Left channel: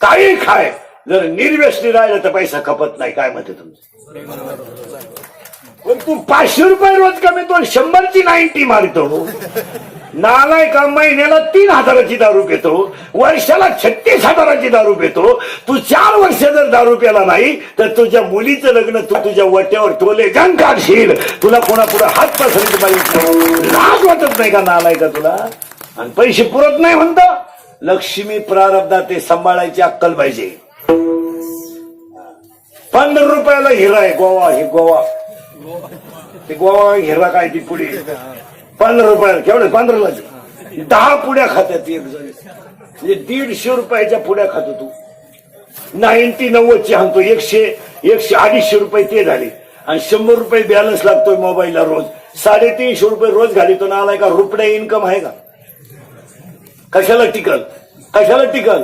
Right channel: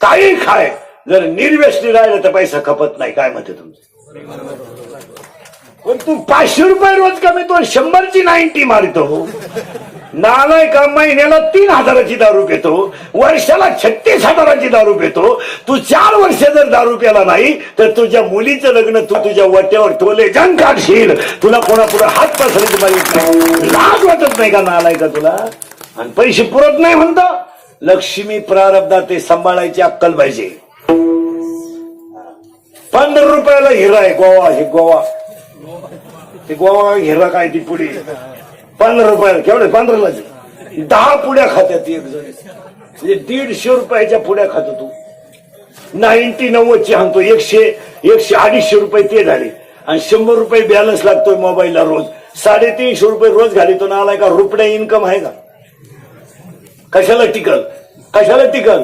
काही खाय, जर निर्व्यसनी राहिलं तर पैसा खपत नाही. काय म्हणते तुमचं? पण तू 500 रुपये रोज कमीतो, 100ची 90 मारतो. नालाय का महिन्याला 3,000ची दारू पितो, वर्षाला 36,000ची दारू पितो. तू 4 वर्ष जर दारू प्याला नाही तर तुझ्या मुलीचं लग्न तू तुझ्या वाट्यावर टोले जंग काढशील. तुला कोणापुढे हात पसरत माहित नाही, लाज वाटत नाही का नालाय का तुला? आणि पैसे पुरत नाही म्हणता. लक्ष्मी प्रारब्धात ते सांभाळायची अक्कल पाहिजे. 15 रुपयाला हिरा आहे गोवा, हे गोवा, ते गोवा हिरा काय ती पुढे 15 रुपयाला. केवढे 15ला 10 पुड्या खात्यात एक जण. म्हणजे 150 रुपयाच्या पुड्या खातो तू. 90 आणतो, 100-150 रुपये ते झाले. आणि 100 रुपये बॅलन्स लागतोय मोबाईलला रोज. 350 रुपये रोज घालितो. ना आलाय का? रुपया इन्कम आहे का? कशाला टिकल?